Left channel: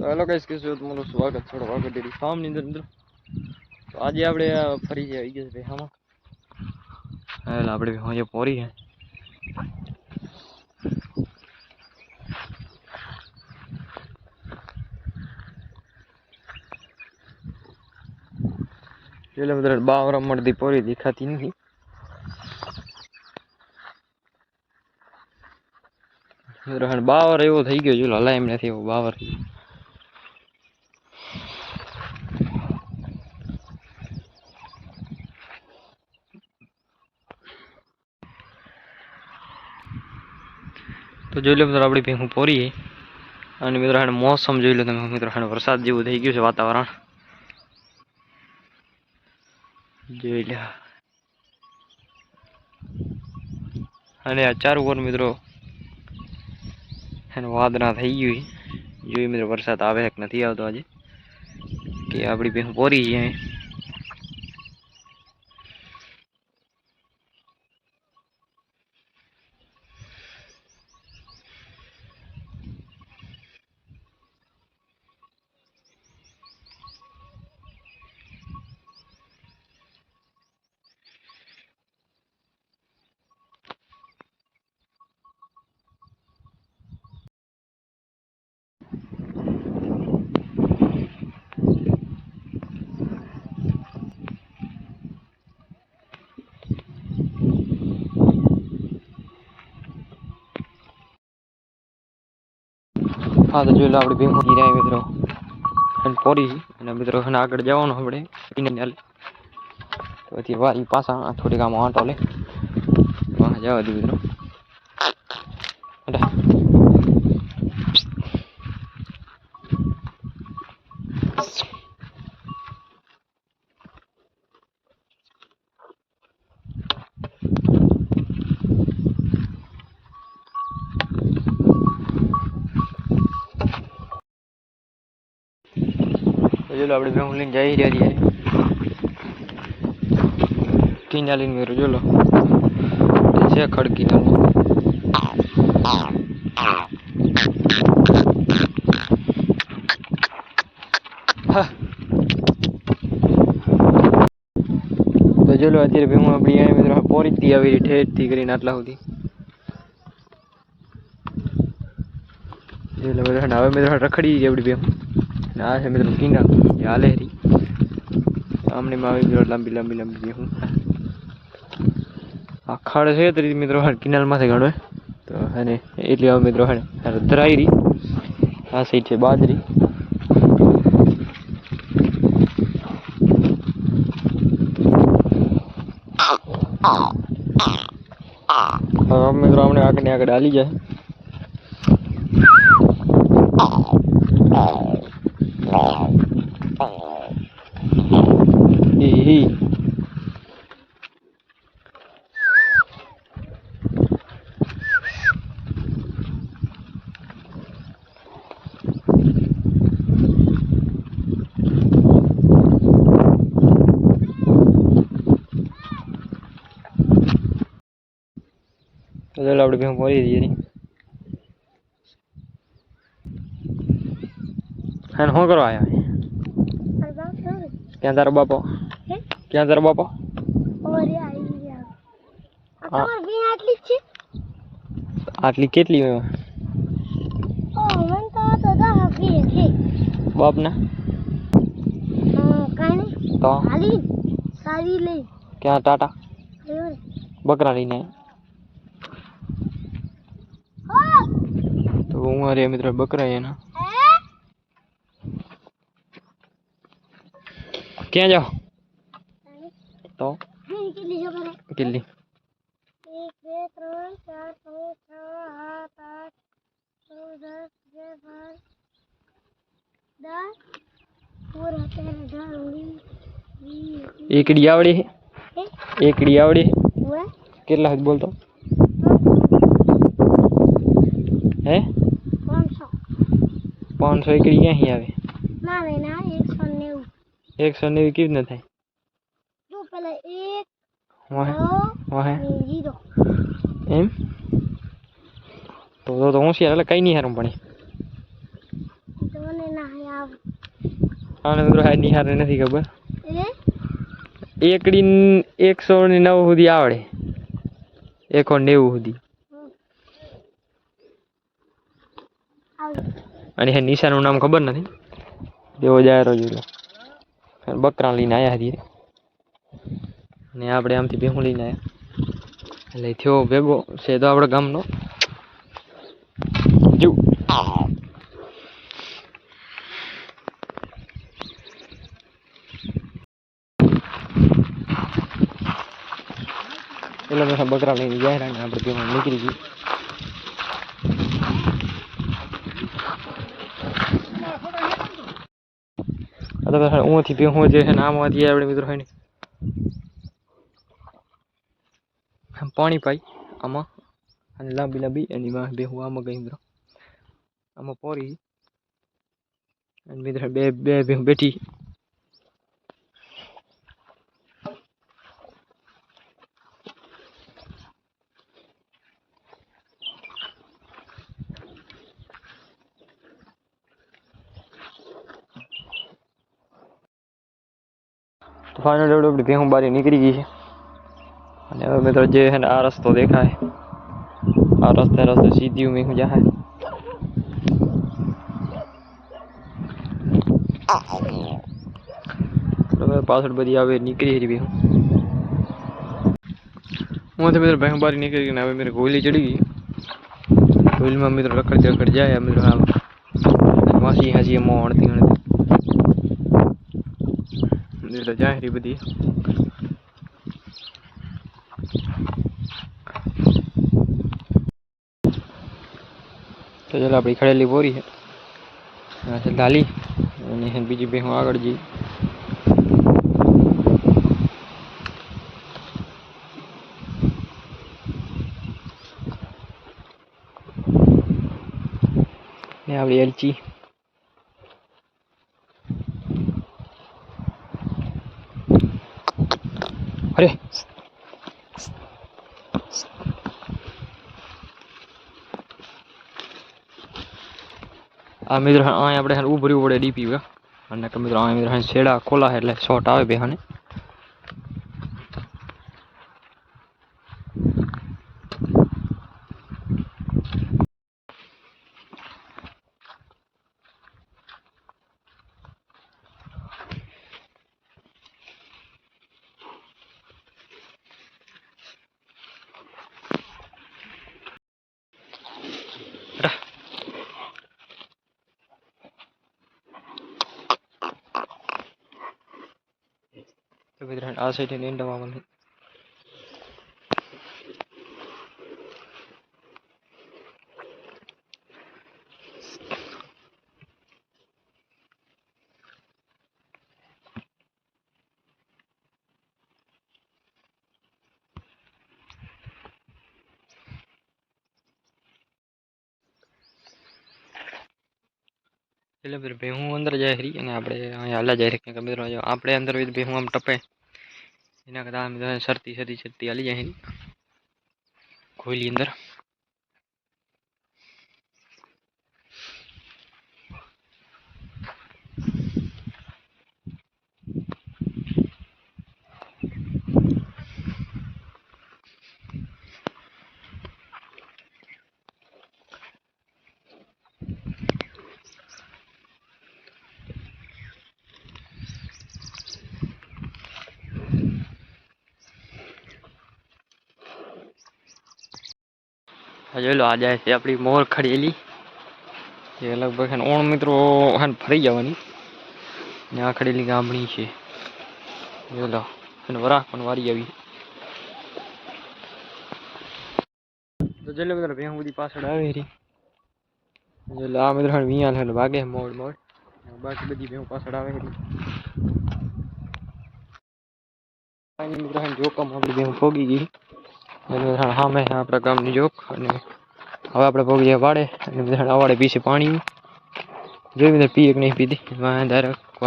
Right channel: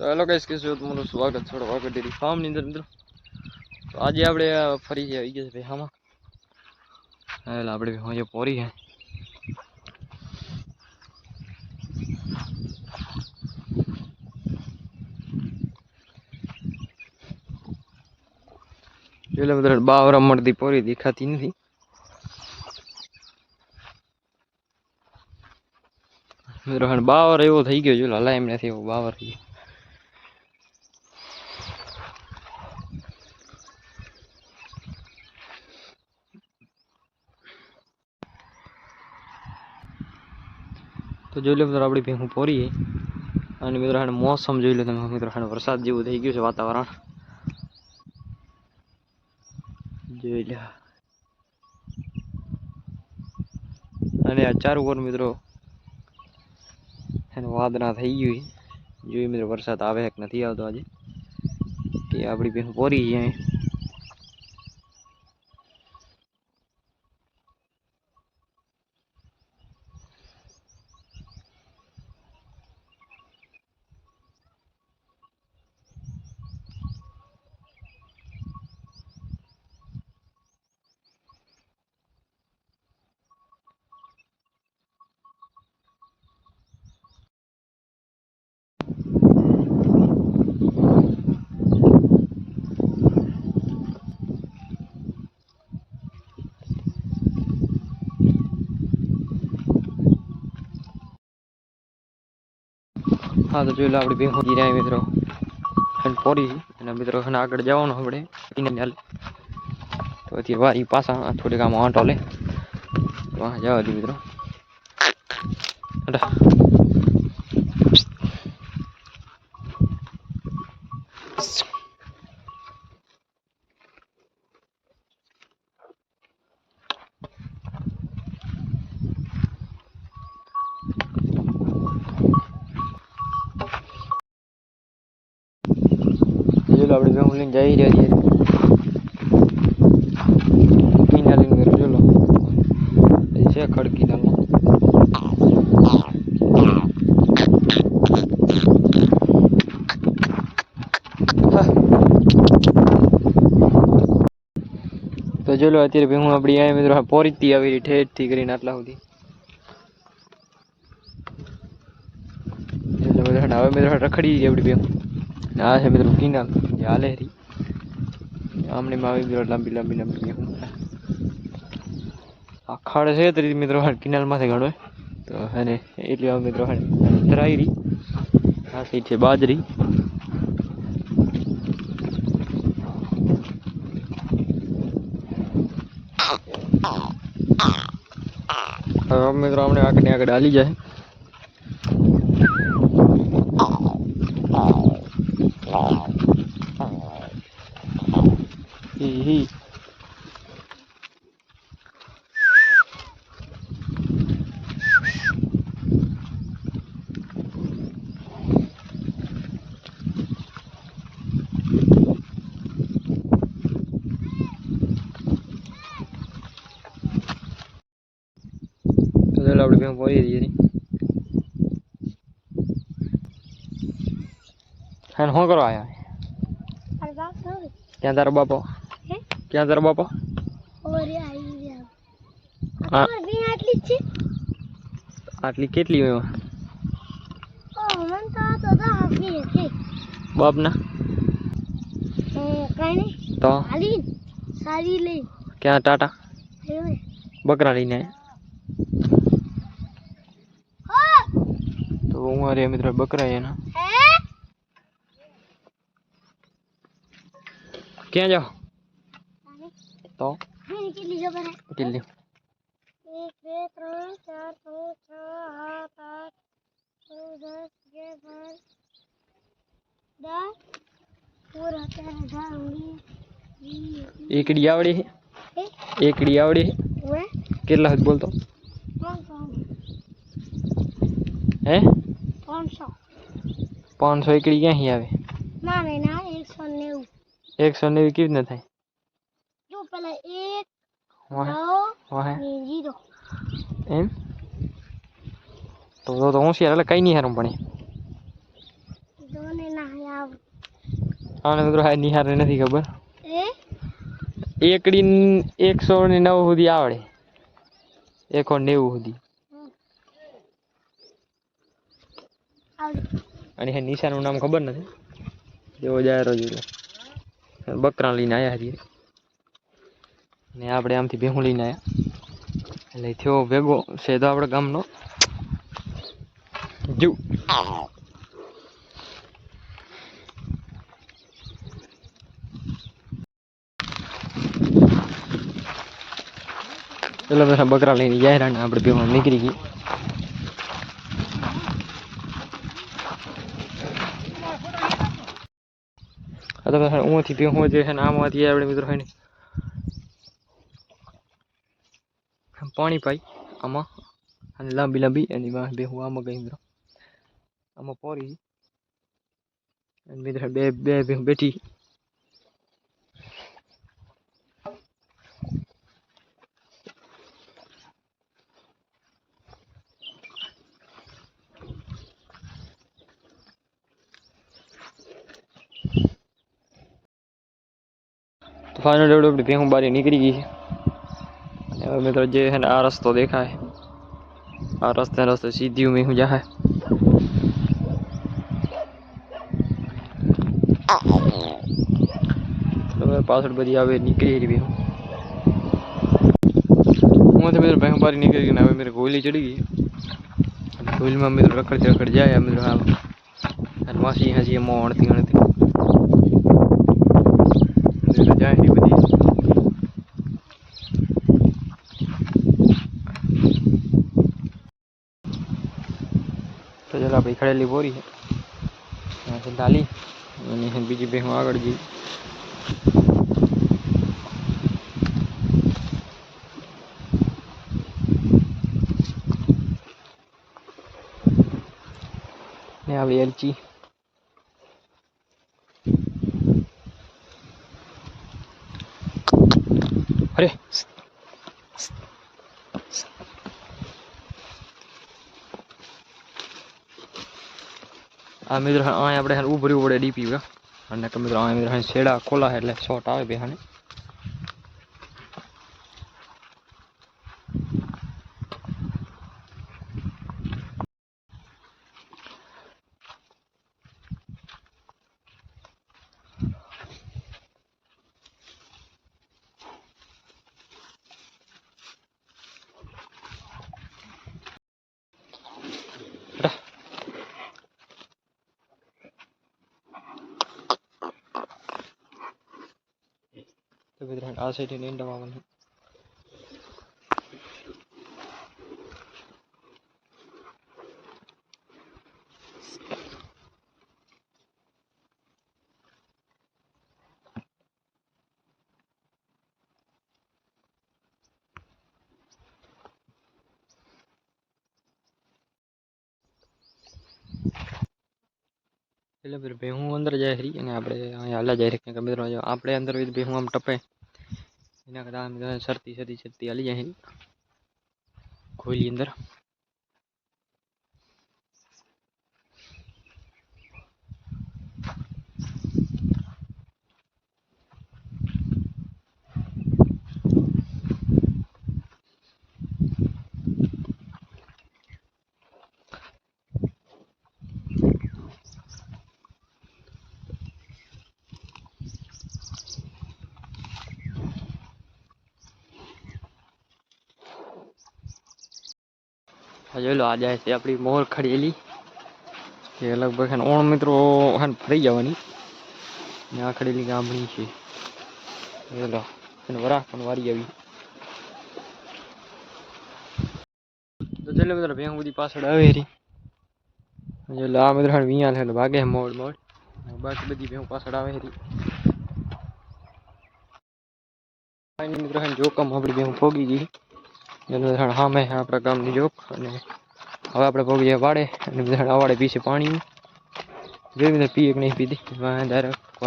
તો hello guys, કેમ છો? તમારું સ્વાગત છે વાગડ ડેરી ફાર્મ ની અંદર મિત્રો. તો આજે આપણે ફરી આવી ગયા છે હામાં. એટલે આપણે આજે પોરી છે. એટલે બધા બાવરા મળતી પોરી દેખાતી નથી. મિત્રો બાવર એવો થઈ ગયો, જો હલાય એમ નથી એવો બાવર થઈ ગયો. તો જોઈ લો મિત્રો, આપણી ભેહું પોરી છે. અને મિત્રો મોસમ જોઈ લો તમે મિત્રો, વરસાદ જેવું થઈ ગયું છે વાતાવરણ. જોઈ લો. અને આ ચાર ઉપર મિત્રો વાદળા થઈ ગયું. જોઈ મિત્રો વરસાદ આવે કે નથી આવતો આજે, કે આપણી ભેહું પોરી છે. હા તો જોઈ લો, આપણી ભેહું જીરાય મિત્રો પોરી. અને મિત્રો આગળ જવાનું આપણે તો પછી વારી પાછા થોડીક આમ આંટો લે જવા દી મિત્રો. આપણે ભેહું લઈને જઈ રહ્યા છીએ કિનાલીને મેરો. જોલો છે ખડ કિનાલ. તો જોલો અત્યારે ભેહું આપણી આ મિત્રો પોરીથી આવી ઠેઠથી કરીને આટલા સુધી. એટલે બધા હવે મિત્રો રખડી આપણી ભેહું. આ છે મિત્રો કિનાલ હાલે હરી આમને આવી મિત્રો લાંબી લાંબી લાંબી ભેહું. આ ખાડ છે તરી મિત્રો કિનાલ માંથી ગણવે તો એને એટલી આવે મિત્રો ધરાઈ. આ સાઈડ છે બાજરી. હવે મિત્રો આપણે આગળ ને આગળ હાલી જાય. આપણે ભેહું પોરી દઈએ શું કરવા આવ્યા? ક્યાં તારો બાપો? ક્યાં તારો બાપો? આટલી કેટલી હોય બાપ ના? તો ક્યાં ટાટા બકરા લઈને? તો હું અરે મિત્રો બકરા એના ક્યાં જાઓ? તો કેટલી? 1 2 3 4 5 6 7 8 9 10 એકડી આવડી છે? એકડી આવડી છે? કેટલા જ બોલતો? હે 500 એકડી ક્યાંથી આવે? 190 કેવી રીતના થાય? એમ તો હોશિયાર એટલે કઈ નહીં હારું. પણ આને મિત્રો હાય નિહારે નથી ખબર એકડી 109 સુધી આવડે 190 સુધી અને હે નિશાનું નામ ખબર નથી દેવો જાય રોજ બકરા લઈને આયા હતી ને આપણે આમથી ભેહું લઈને આયા એટલે થયો ભેગો છે તો આપણે ગામનો જીવ પેલા બેઠા બકરા લઈને જાય ને આપણે ભેહું નીકળી ગઈ ऊँची भेहूँ जो है आम आती है मित्रों है पानी पाई आमा लांबी लांबी भेहूँ आम गई मित्रों आमा पोरी मित्र बे बे भेहूँ बैठी तो फाइनल अपनी भेहूँ बारी निकली गई है मित्रों जो है आ रस्तो देखा है आ रस्ते रस्ते सीधी भेहूँ जा है पासठ बदी आवे निकली है भेहूँ वहाँ से मित्र भेहूँ बारी निकल गई ना मेरे गोली चढ़ी गई गोली में मित्र रखड़ जाए मित्र हाँ मासी हंसी मोह अणती अणती जाए बदी तो चलो अपनी खड़ेली बोरी है डाली बीजी भेहूँ आग जी ने आपली एलची अरे आ मित्र अँ अपने उभरी पड़े डीपी मित्र अँ मित्र छेड़ा खोला है એટલે શોટ આવે બેહાને तो मित्र आ साइड नींद मामन है એટલે મિત્ર ભેહું અંદર જાય ખરી અને આપણે અહીંયા હાલા જાય કે મિત્રો આપણે અંદર ભેહું આમ ટપે એના કરતા આમ સરતી સરતી સરતી હાલી જાય ખોલી અંદર जो लो आ जाए से अपनी मोर खड़ेली ये लगभग ओण मित्रों हन फरी जवानी यहाँ खड़ेली गामड़ी है जो लो वराह पण वारी आई तो चलो मित्र भेहूँ बधी पाछळ आवे री जो लो आ मित्र वियाल है भागे मोड़ मोड़ बाकी बधी भेहूँ पाछळ आवे री मित्र जोकम अपनी भेहूँ पोगी गई हाँ मैं अपना गाम जोक હવે આપણે પગીએ વાડે અને અવાડે પીશે પાણી જો પીએ કે નહીં પીધી ડાયરેક્ટ